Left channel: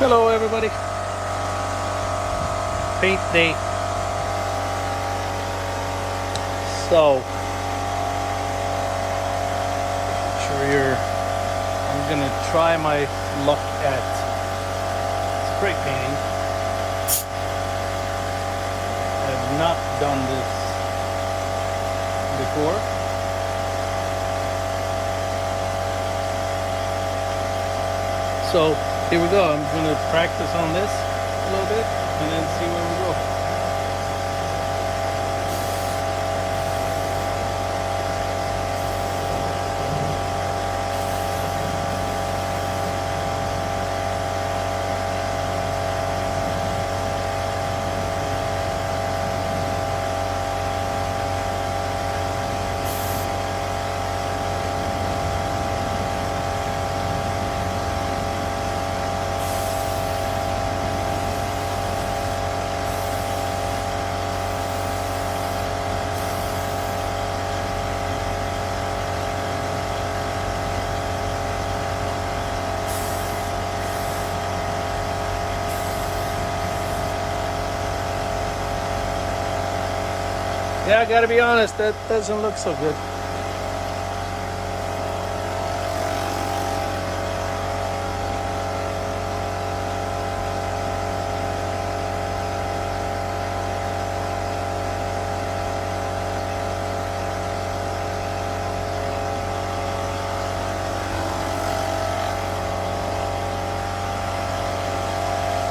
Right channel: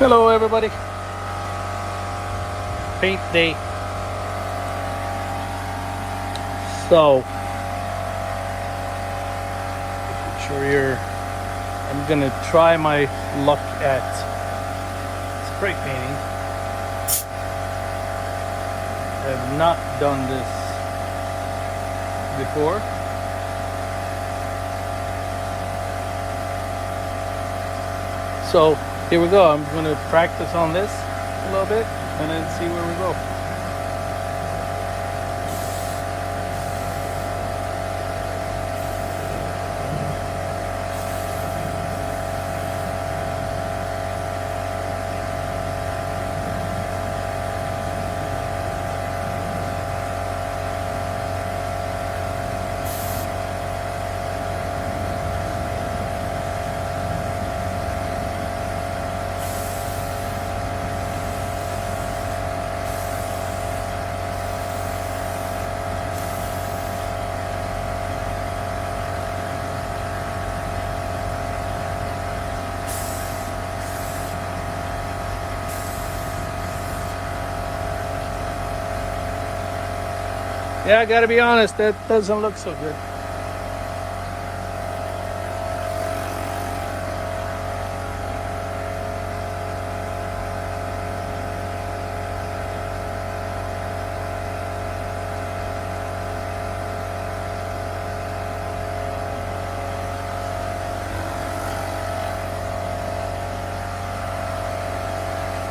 Hello everybody. Paint day. So making sure I'm gonna try my luck at spray painting. I have not done this before. So here we go. I'm gonna practice on this a little bit and then see where we go. Yeah, I gotta be honest, that doesn't look so good.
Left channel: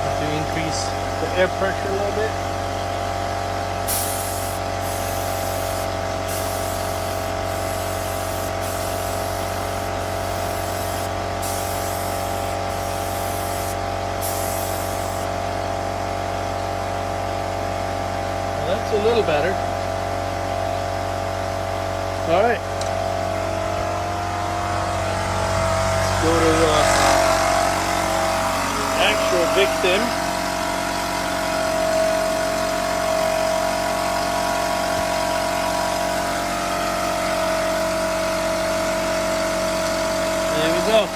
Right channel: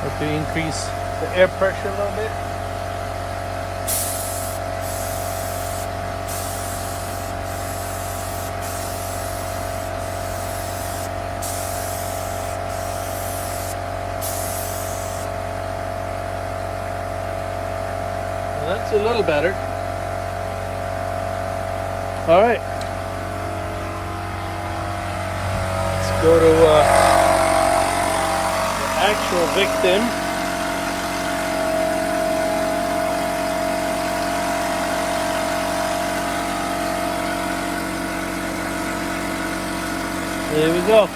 Have to increase the air pressure a little bit. Well, that's a little better. All right. Let's go to the actual victim. There we go.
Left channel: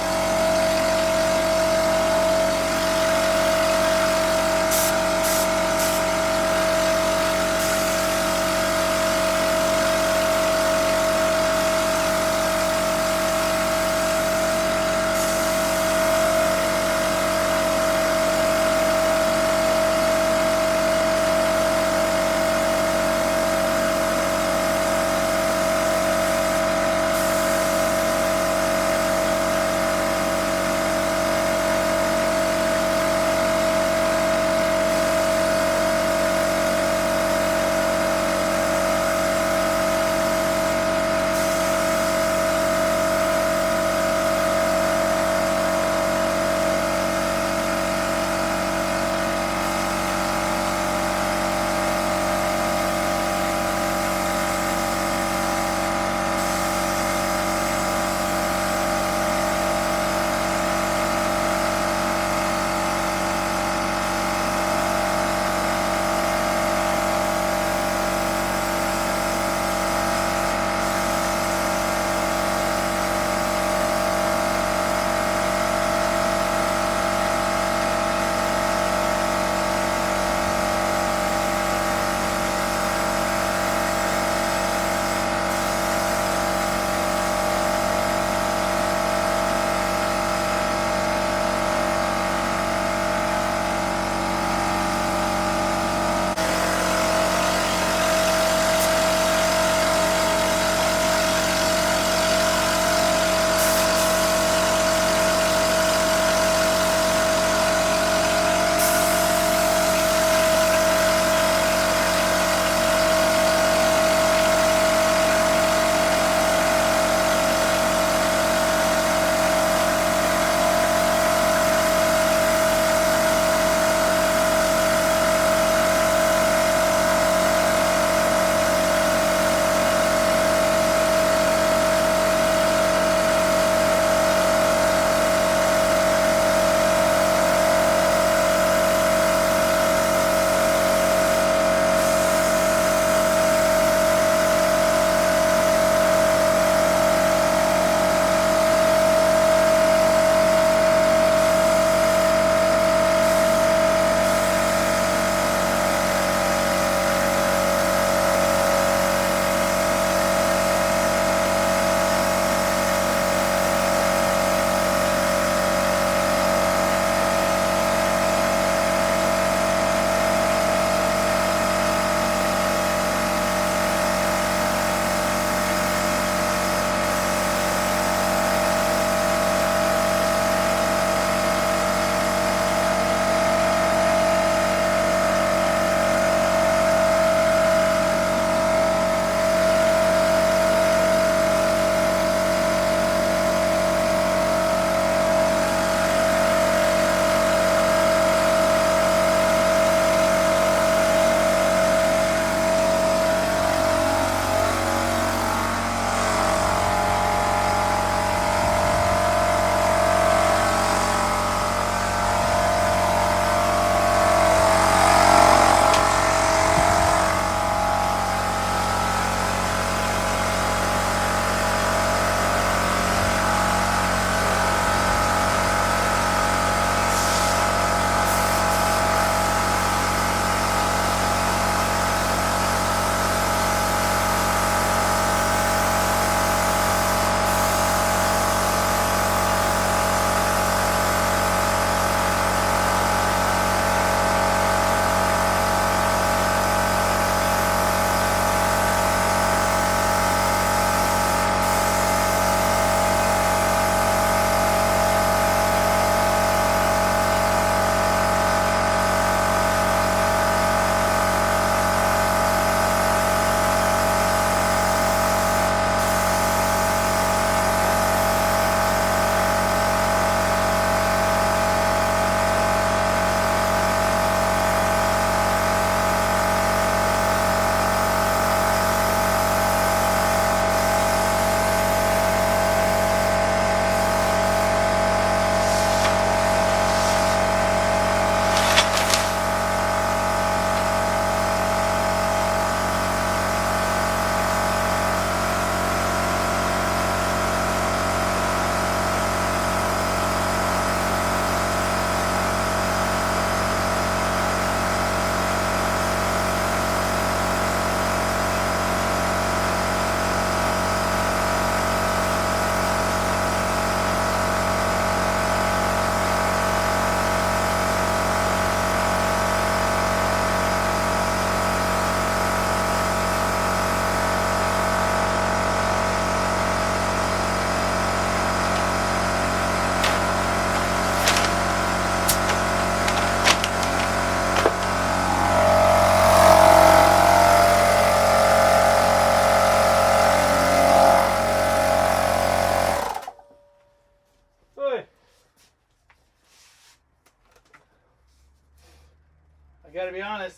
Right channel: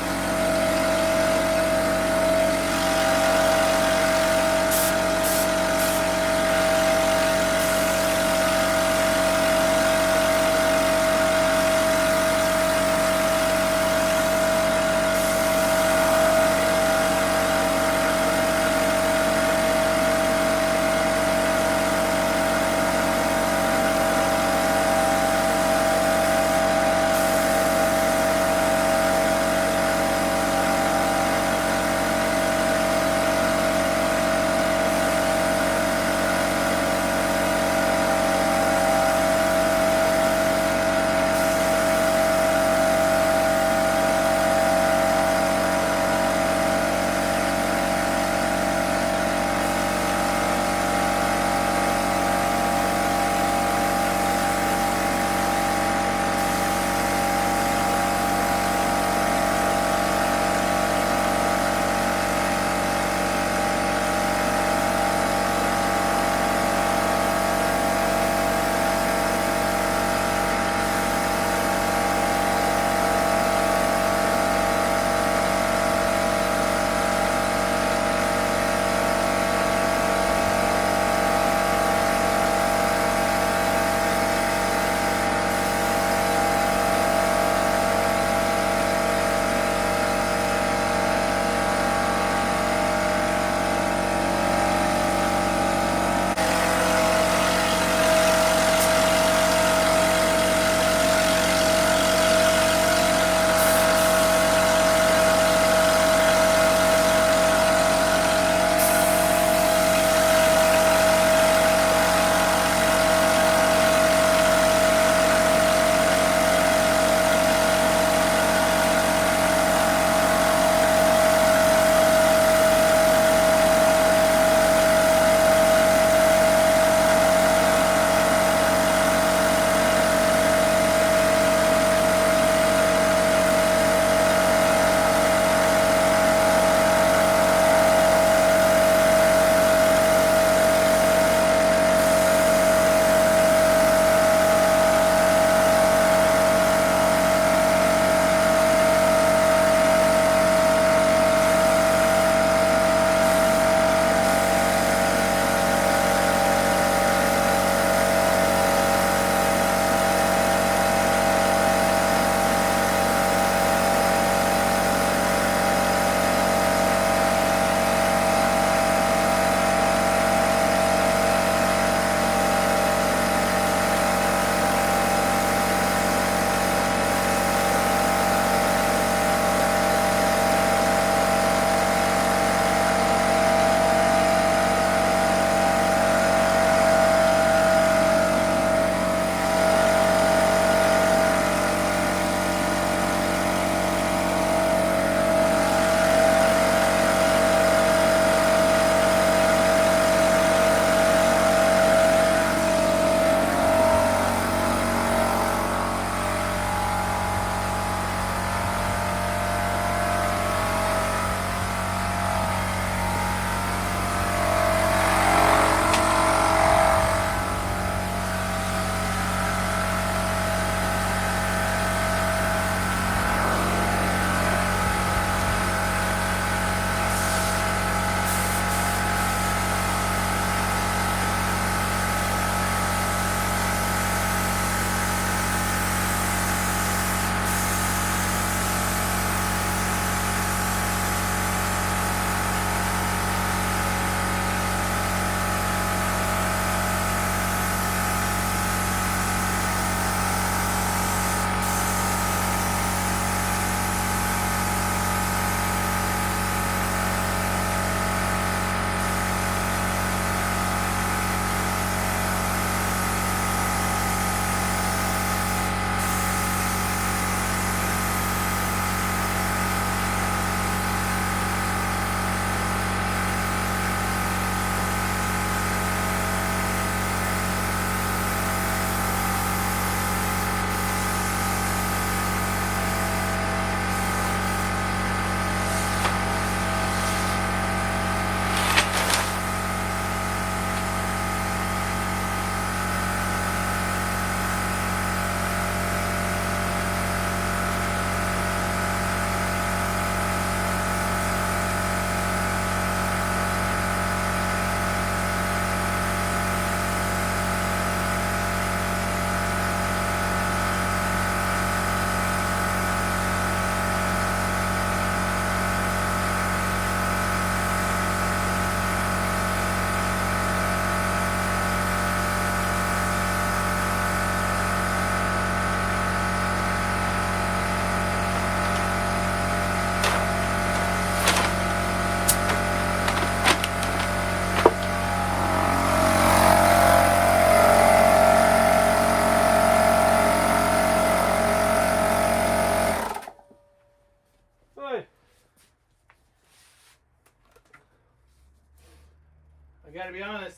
gotta be honest,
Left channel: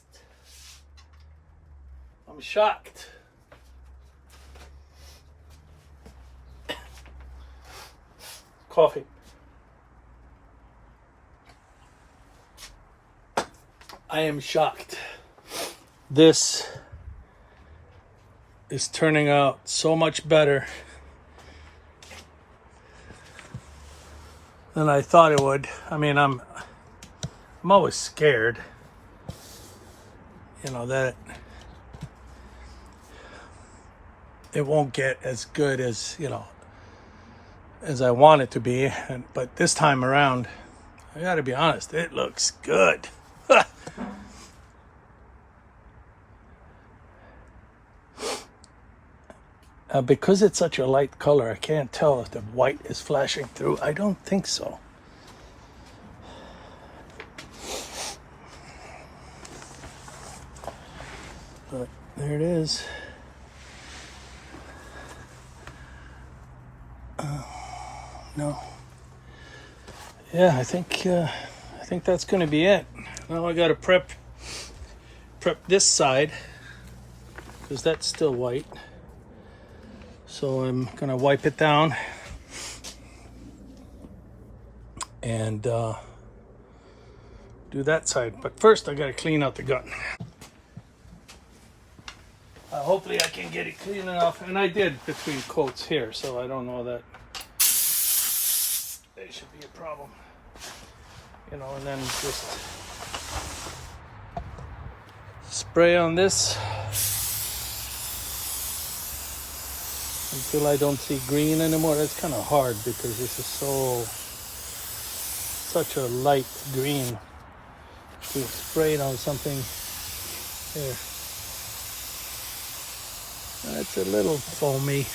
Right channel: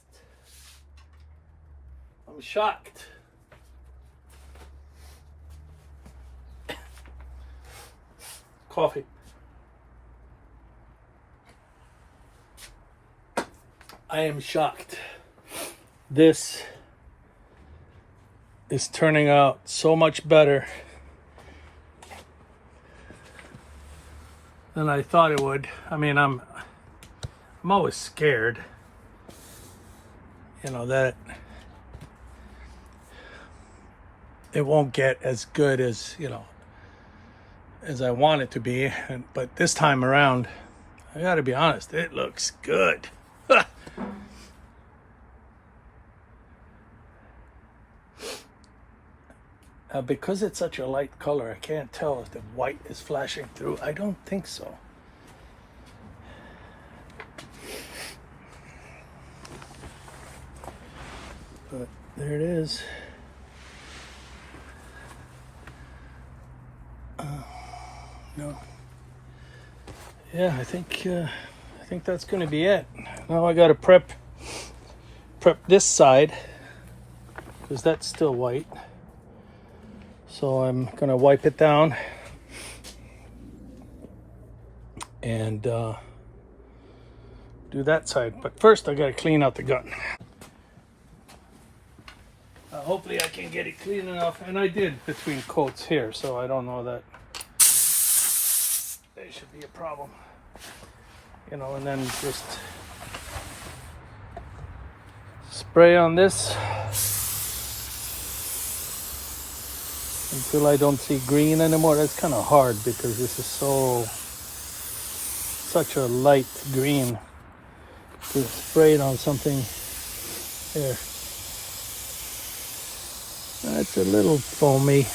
I'm shocked. Coffee. I am shocked. This is turning out so much better than I thought it would. I mean, I'm always scared, you know, that it won't get as good as, you know, as I want it to be. But this time around, I gotta be honest, it looks good. Because it's such a light color, I can't tell if the white is flashing through. I don't think so. But there it is. No. Yeah, I think that's going to be it. Now I got to prep this side because that's still white. So I'm going to wipe it down and do that side. But first I got to clean out the gun. Hopefully I can get it clean enough. And I did between coats here, so I don't know that there should be a problem. You know, and then just spray on this until I don't see green anymore. That's kind of hard because this is such a light green to spray it on something there. That's a little foamy.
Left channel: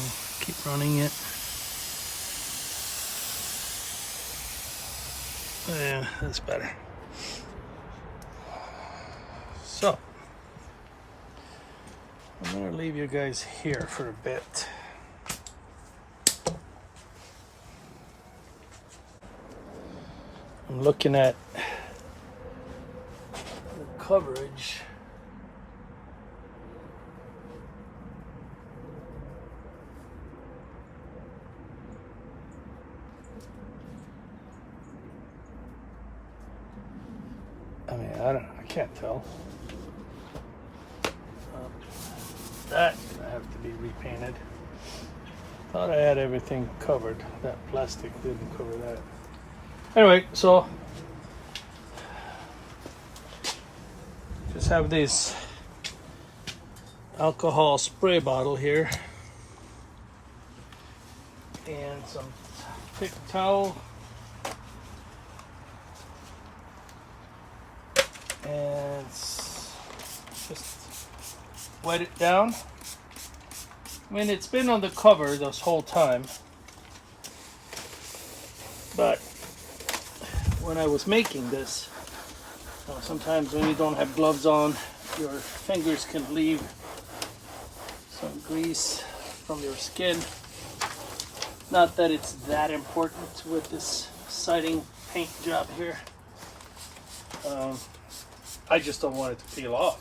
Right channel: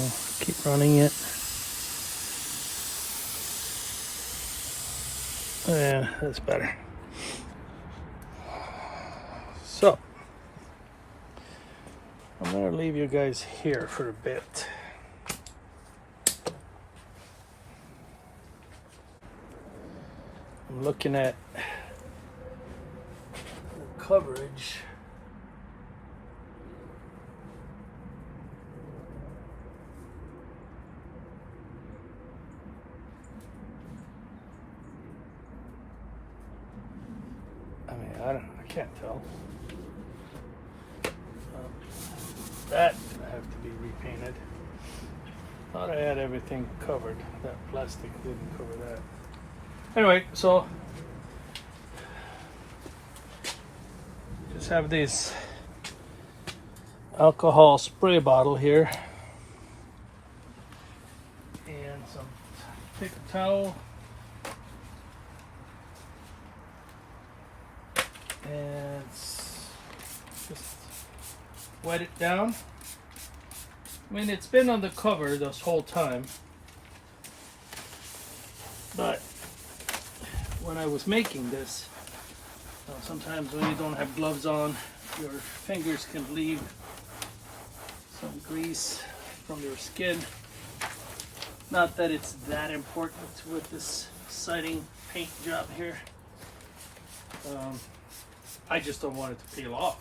I'll keep running it. Yeah, that's better. So I'm gonna leave you guys here for a bit. I'm looking at the coverage. I mean, I can't tell. That I have to be repainted. Thought I had everything covered. That plastic didn't cover that. Anyway, so just have this alcohol spray bottle here and some paper towel and just wet it down. I mean, it's been on the cover this whole time, but when I was making this, sometimes when you don't have gloves on, your fingers can leave some grease from your skin. Not that it's that important with this siding paint job here. I just don't want it to peel off.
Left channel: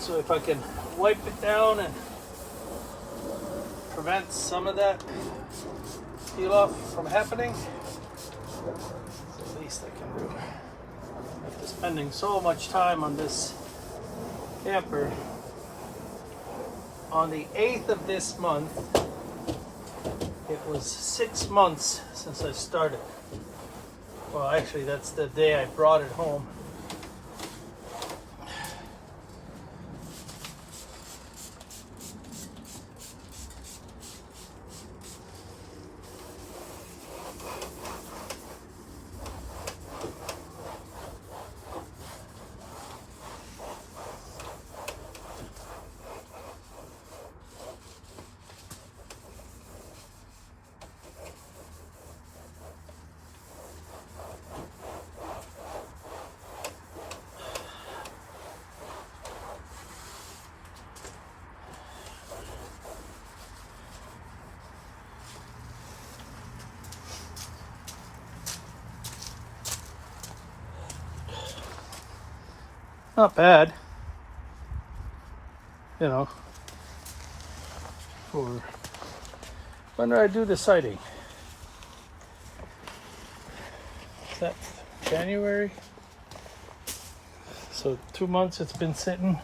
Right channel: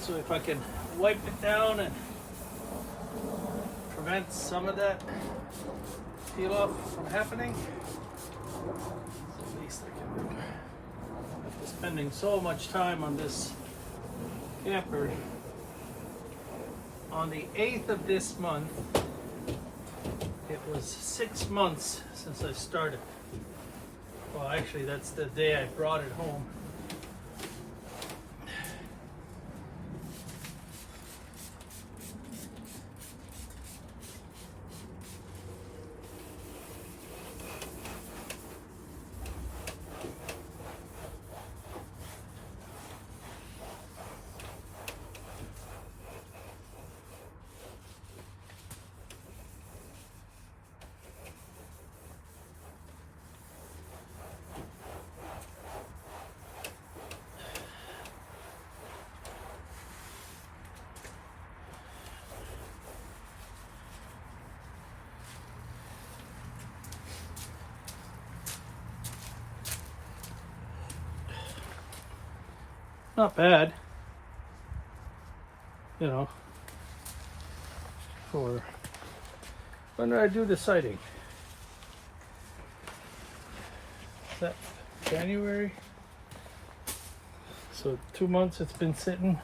So if I can wipe it down and prevent some of that peel off from happening, it's the least I can do. After spending so much time on this camper, on the 8th of this month, it was 6 months since I started. Well, actually, that's the day I brought it home. Not bad. You know, for when did I do the siding? Is that January? So 2 months it's been sitting.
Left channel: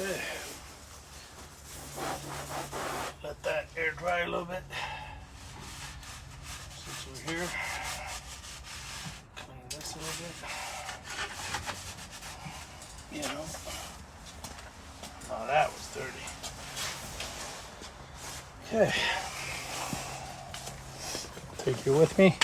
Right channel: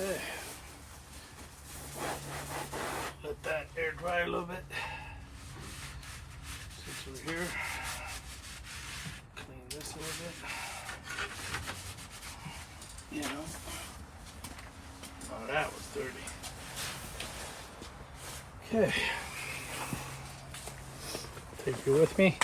Okay. Let that air dry a little bit. Since we're here, clean this a little bit. You know. Oh, that was dirty. Okay. Take you with me.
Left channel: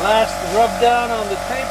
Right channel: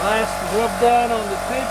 Last rub down on the tape.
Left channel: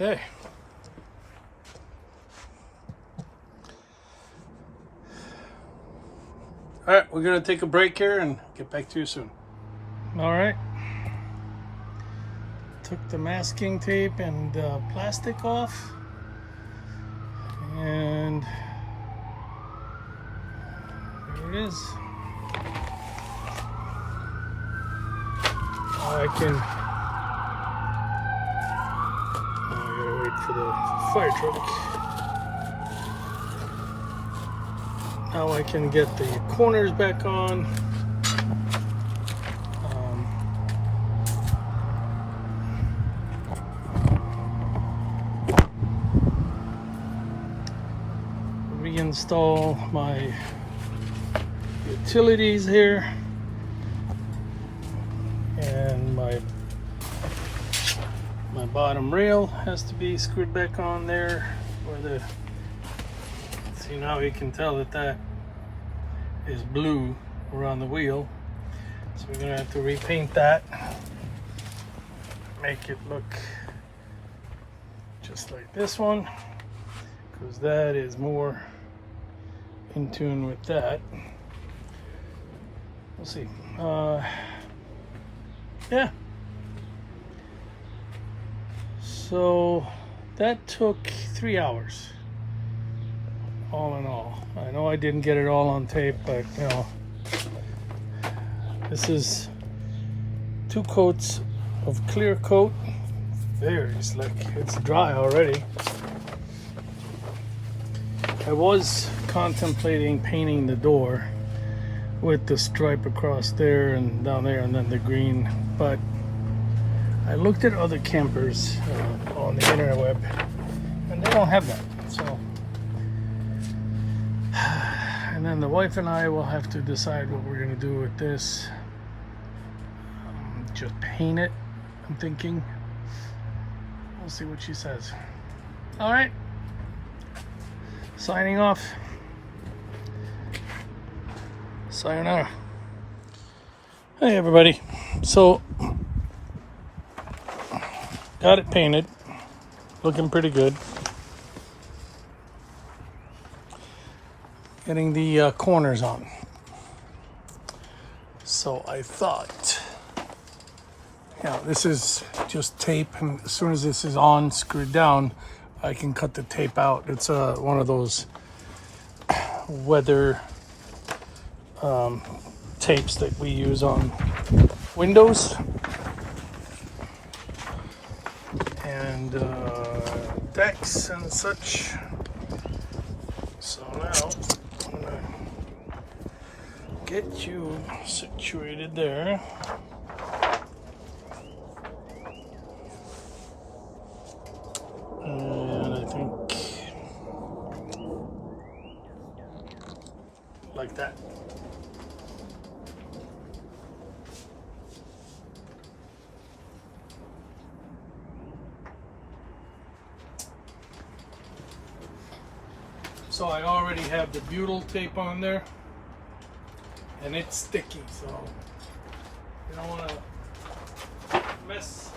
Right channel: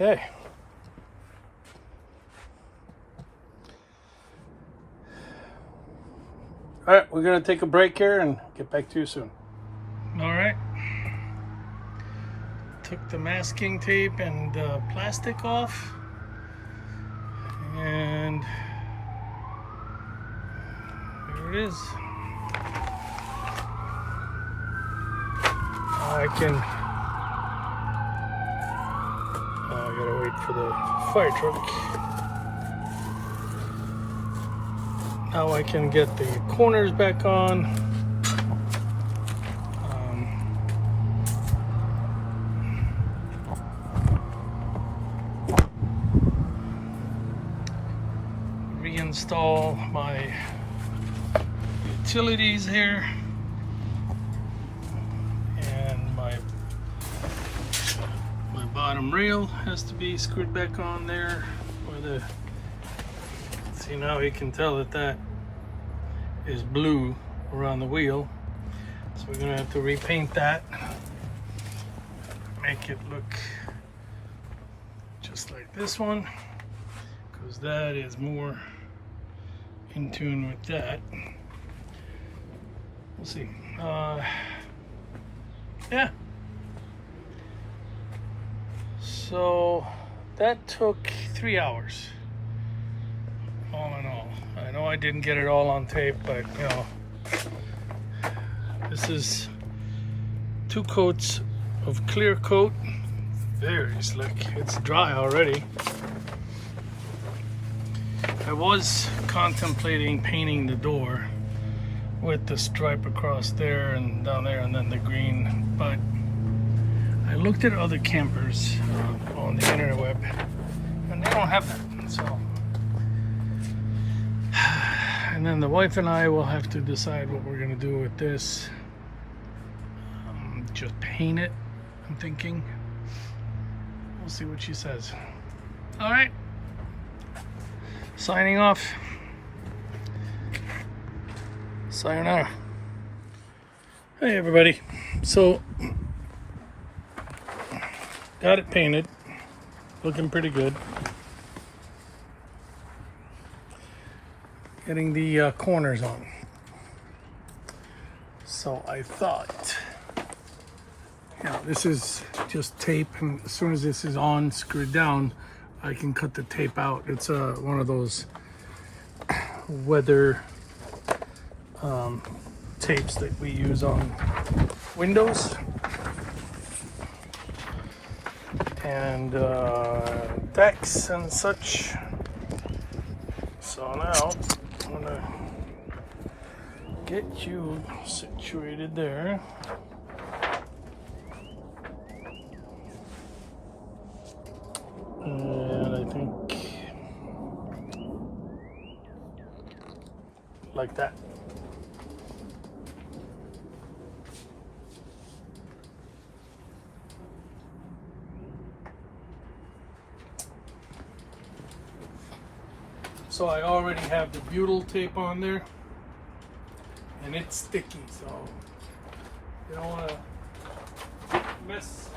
Okay. All right, we're gonna take a break here and get back to you soon. All right. Took the masking tape and plastic off, and there it is. I gotta wait for the fire truck. Now I can get the corners back on. Reinstall my utilities here. And my bottom rail has to be screwed back on there where the, see, now you can tell that is blue around the wheel, so we're gonna have to repaint that, make it look just like this one, because that is more in tune with that. Let's see. Yeah. So that took 3 hours, all in all. I know I didn't get it all on tape, but you know, this is 2 coats of clear coat. Very slick. It's dry already. I was contemplating painting the door with the stripe across there and down there and then the green, but I looked at other campers on the interweb and they don't have that. So. And then the wife and I will have to decide what we're going to do with this. Just paint it, I'm thinking. We'll see what she says. All right. Signing off. Sayonara. Hey everybody. So got it painted. Looking pretty good. Getting the corners on. So I thought, this is just tape, and as soon as this is on, screwed down, I can cut the tape out. It's one of those weather tapes that we use on windows and decks and such. So now I'm gonna get you situated there. And I think like that. So I already have the butyl tape on there, and it's sticky, so you don't want to mess.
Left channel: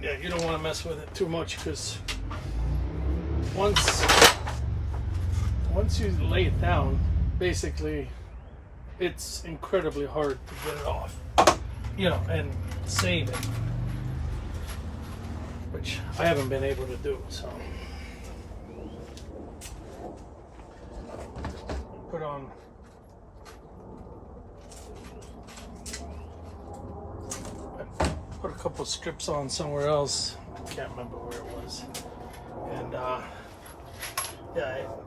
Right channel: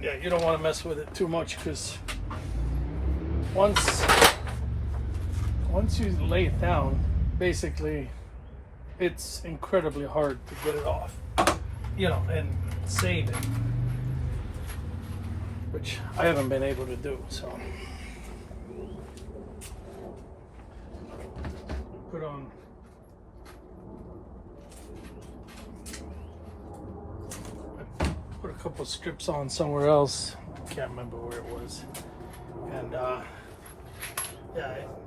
Yeah, you don't want to mess with it too much, because once you lay it down, basically it's incredibly hard to get it off, and save it, which I haven't been able to do. So put on a couple strips on somewhere else. I can't remember where it was. And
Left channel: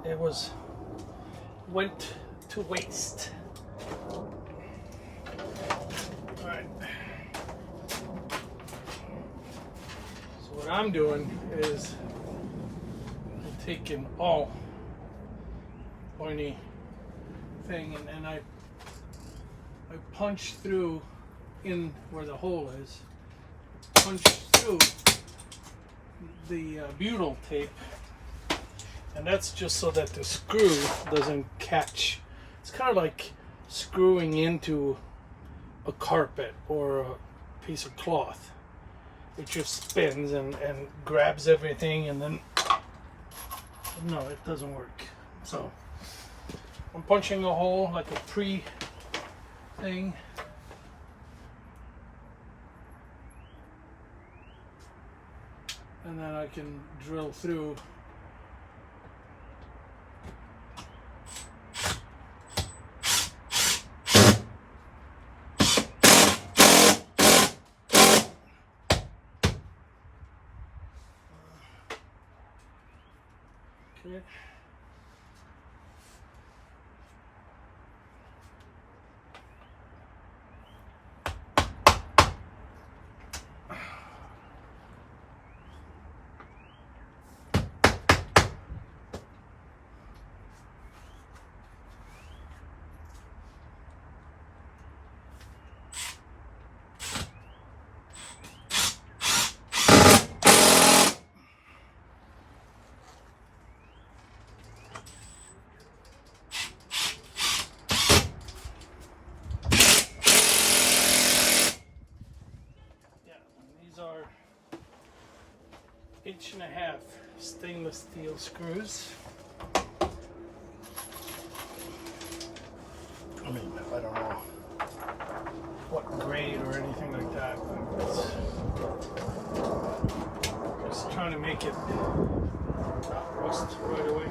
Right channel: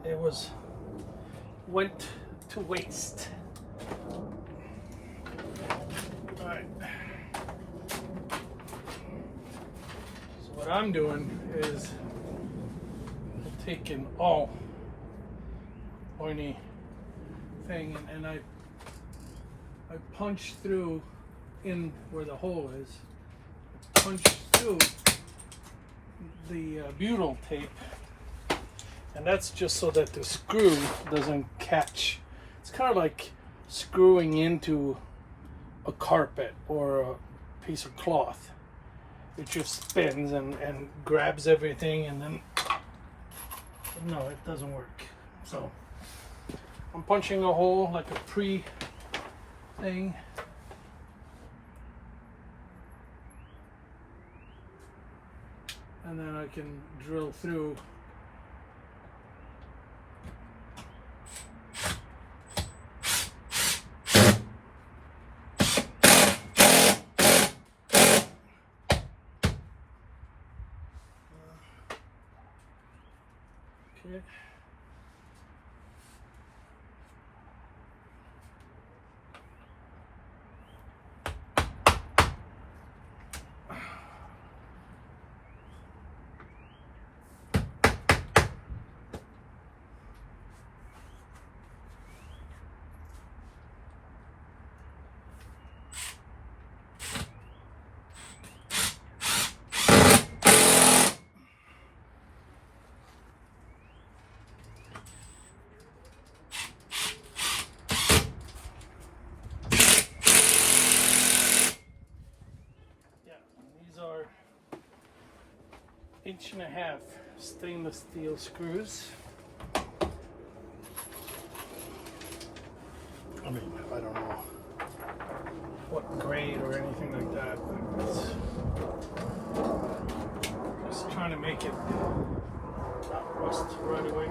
it went to waste. All right. So what I'm doing is I'm taking all pointy thing and I punch through in where the hole is. Punch through the butyl tape, and that's just so that the screw doesn't catch. It's kind of like screwing into a carpet or a piece of cloth. It just spins and grabs everything, and then no, it doesn't work. So I'm punching a hole like a pre-thing. And then I can drill through. Okay. These are 1.5" stainless steel screws. I mean, I don't know what grade or anything like that, but it's just trying to make it not rust right away.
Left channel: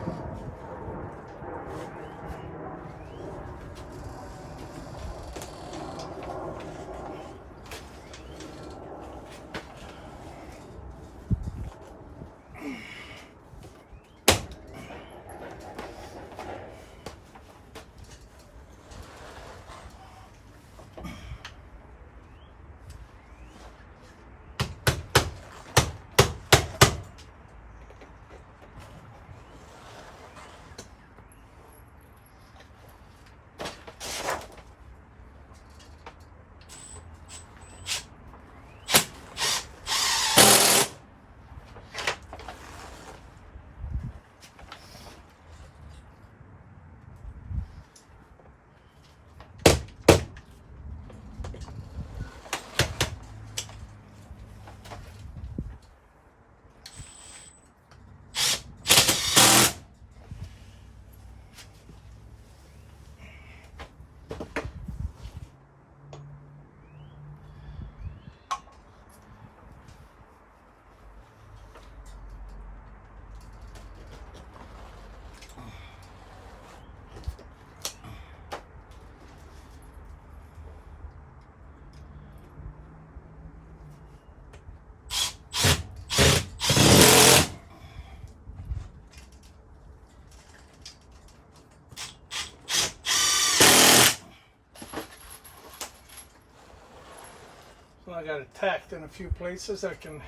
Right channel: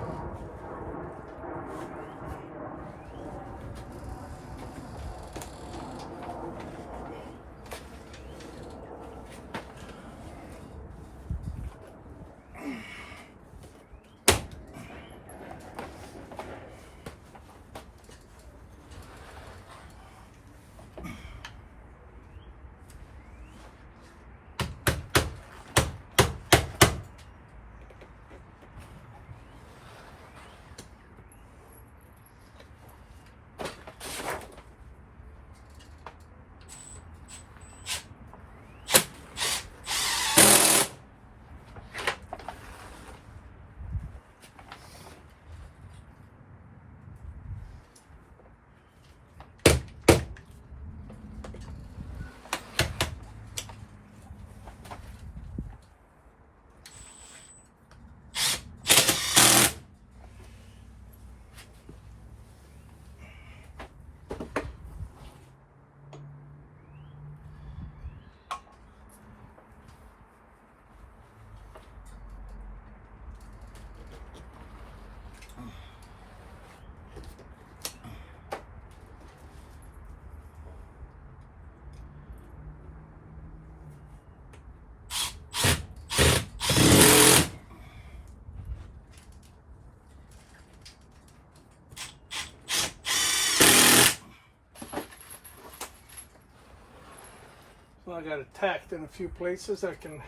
So I got it tacked in a few places. I can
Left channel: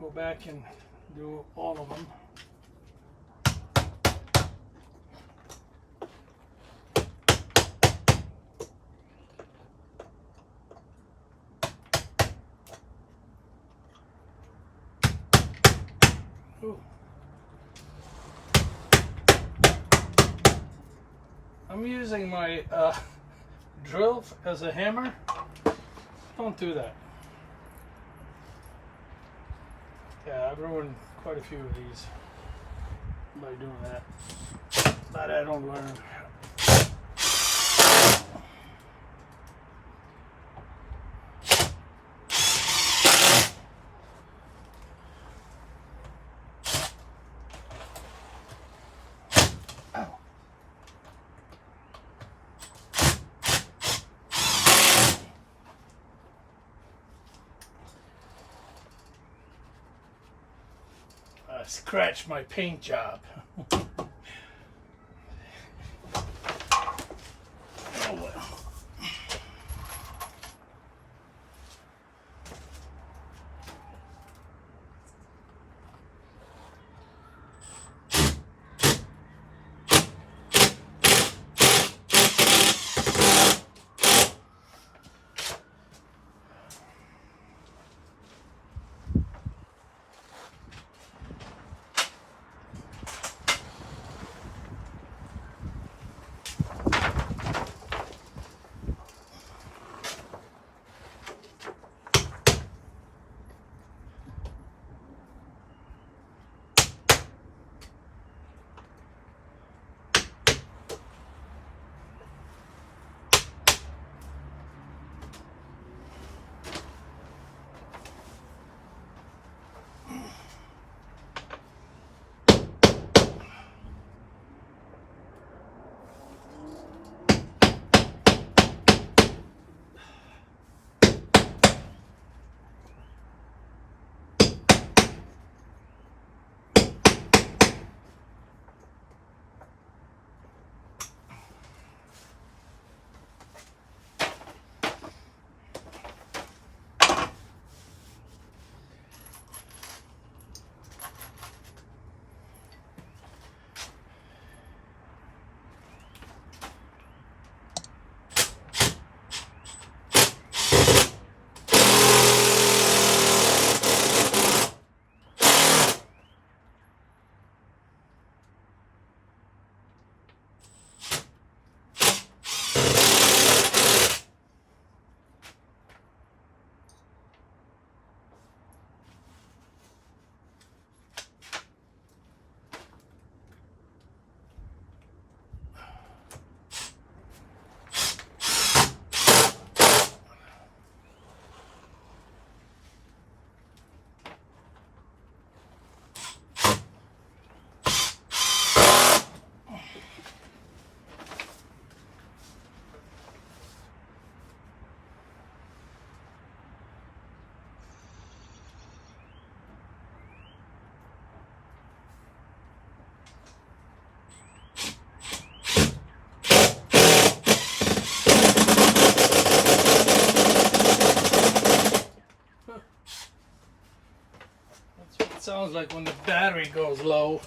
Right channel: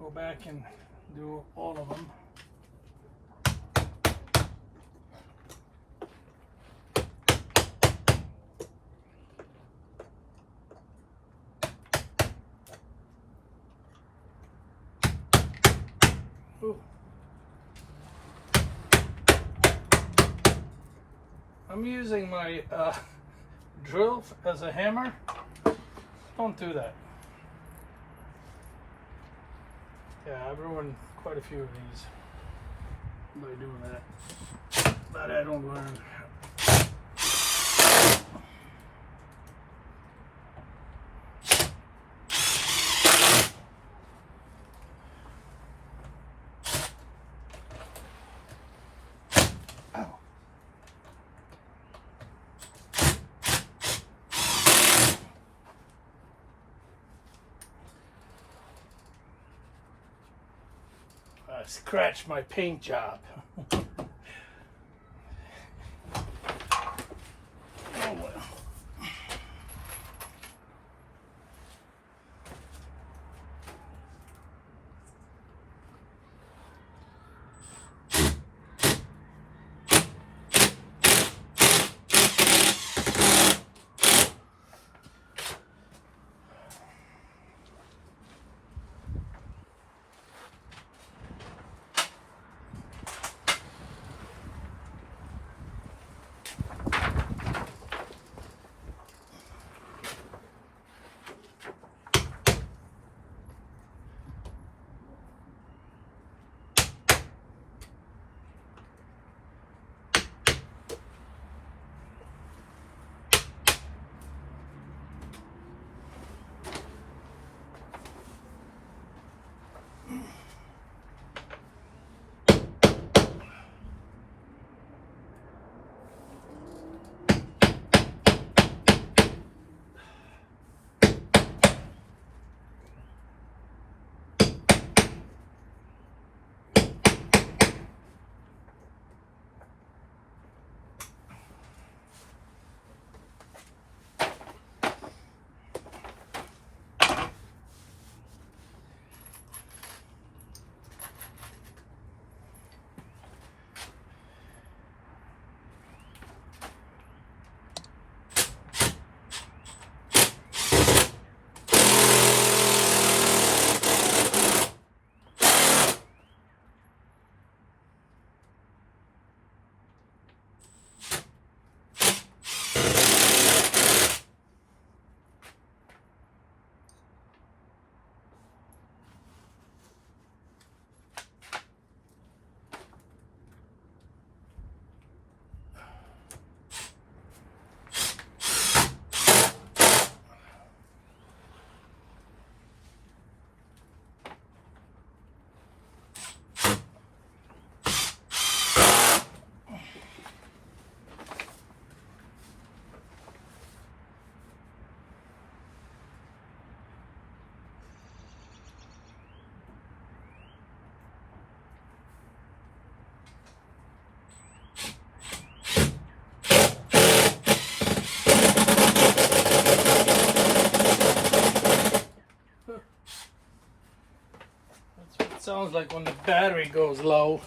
go back and do all of them. Ooh. I'm using my drill as a hammer. Don't do that. Yeah, I've ruined quite a few of these by doing that. But I don't learn. Scratch my paint job. Oh well. sounds like when the battery goes low.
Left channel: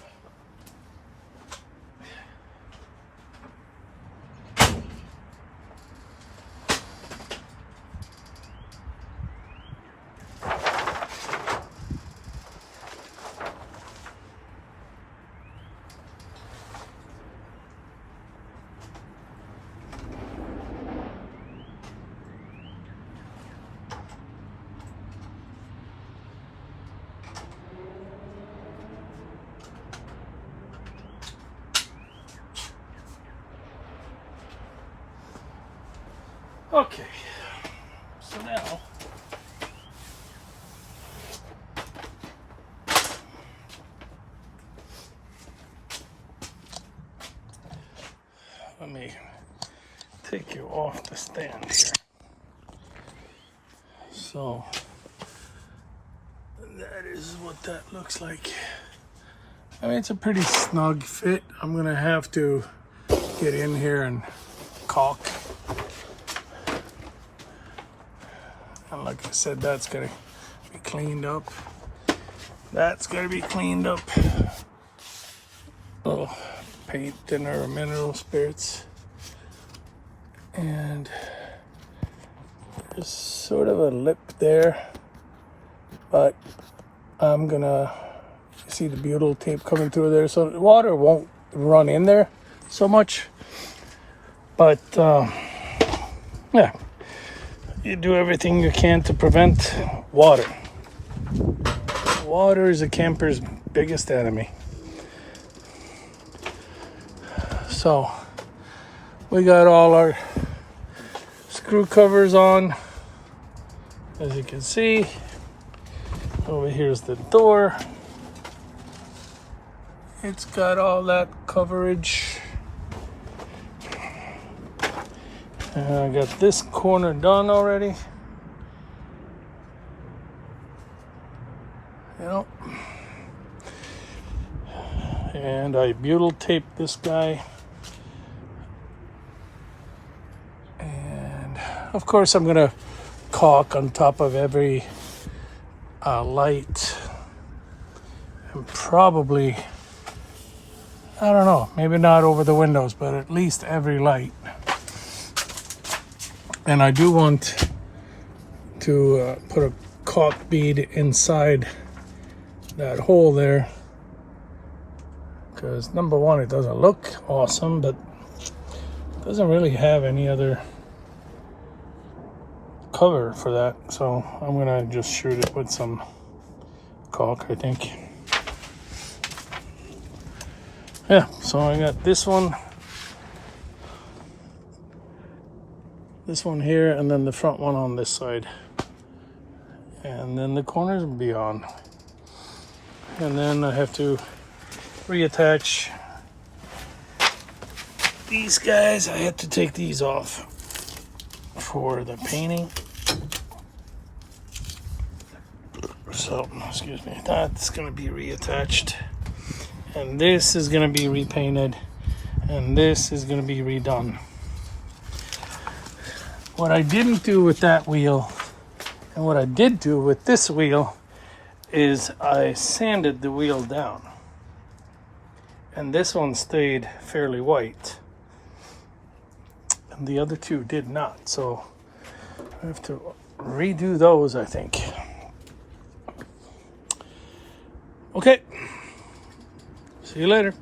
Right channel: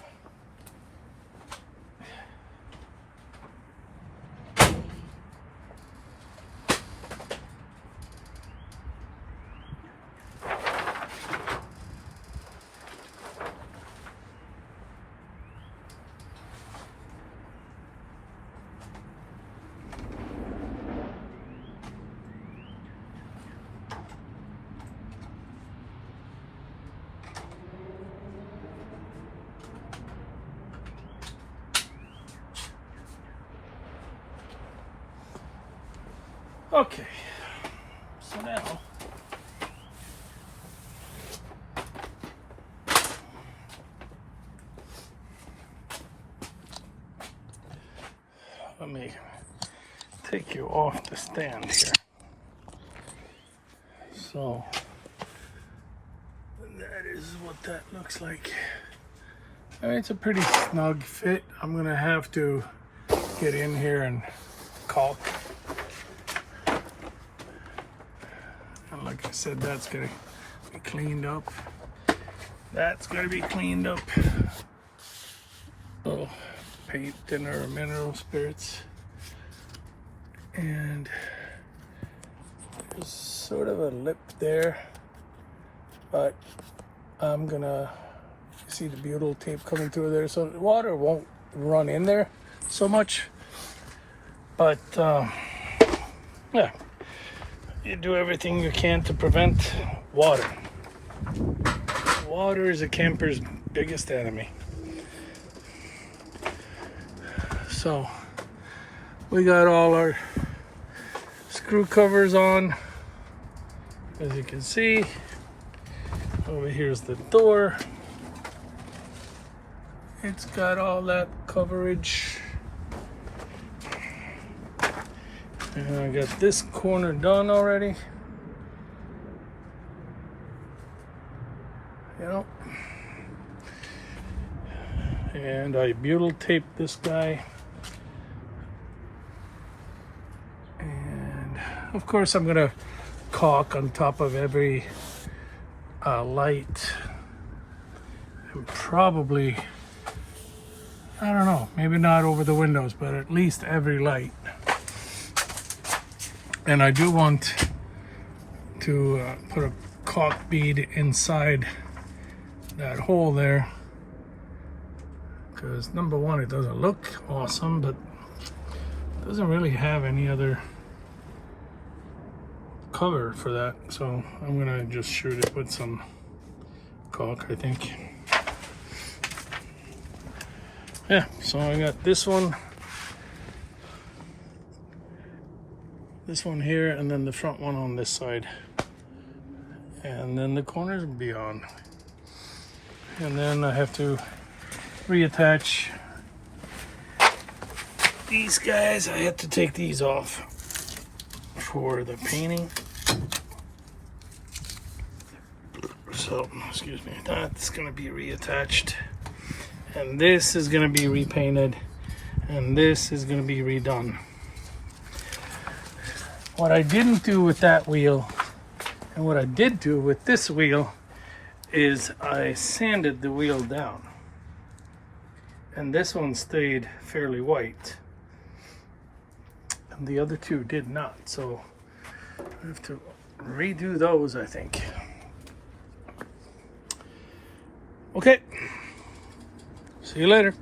Okay, so now let me take you off the stand here. So that is what that looks like. I mean, it's a pretty snug fit. I'm gonna have to get in here and caulk. And like I said, that's gonna be cleaned up. That's gonna be cleaned up. Little paint and our mineral spirits. And there's sort of a lip there, but I'm gonna see the butyl tape coming through there, so the water won't run in there so much. But yeah, you do everything you can to prevent water. Water is a camper's biggest enemy. So we got all our screw covers on, as you can see. Over here's the door. It's got all that coverage. And I got this corner done already. Yep. And I butyl taped this guy. And of course I'm gonna caulk on top of every light. And probably, I don't know, maybe not over the windows, but at least every light. And I do want to put a caulk bead inside that hole there, because number one, it doesn't look awesome, but it doesn't really have any other cover for that. So I'm gonna just shoot it with some caulk, I think. Yeah, so I got this one here, and then the front one on this side, and then the corners will be on. And then I have to reattach these guys. I have to take these off for the painting. So, excuse me, that's gonna be reattached. And this is gonna be repainted. And this is gonna be redone. What I didn't do with that wheel, and what I did do with this wheel, is I sanded the wheel down. And this one stayed fairly white. And the other two did not. So I have to redo those, I think. Okay. See you later.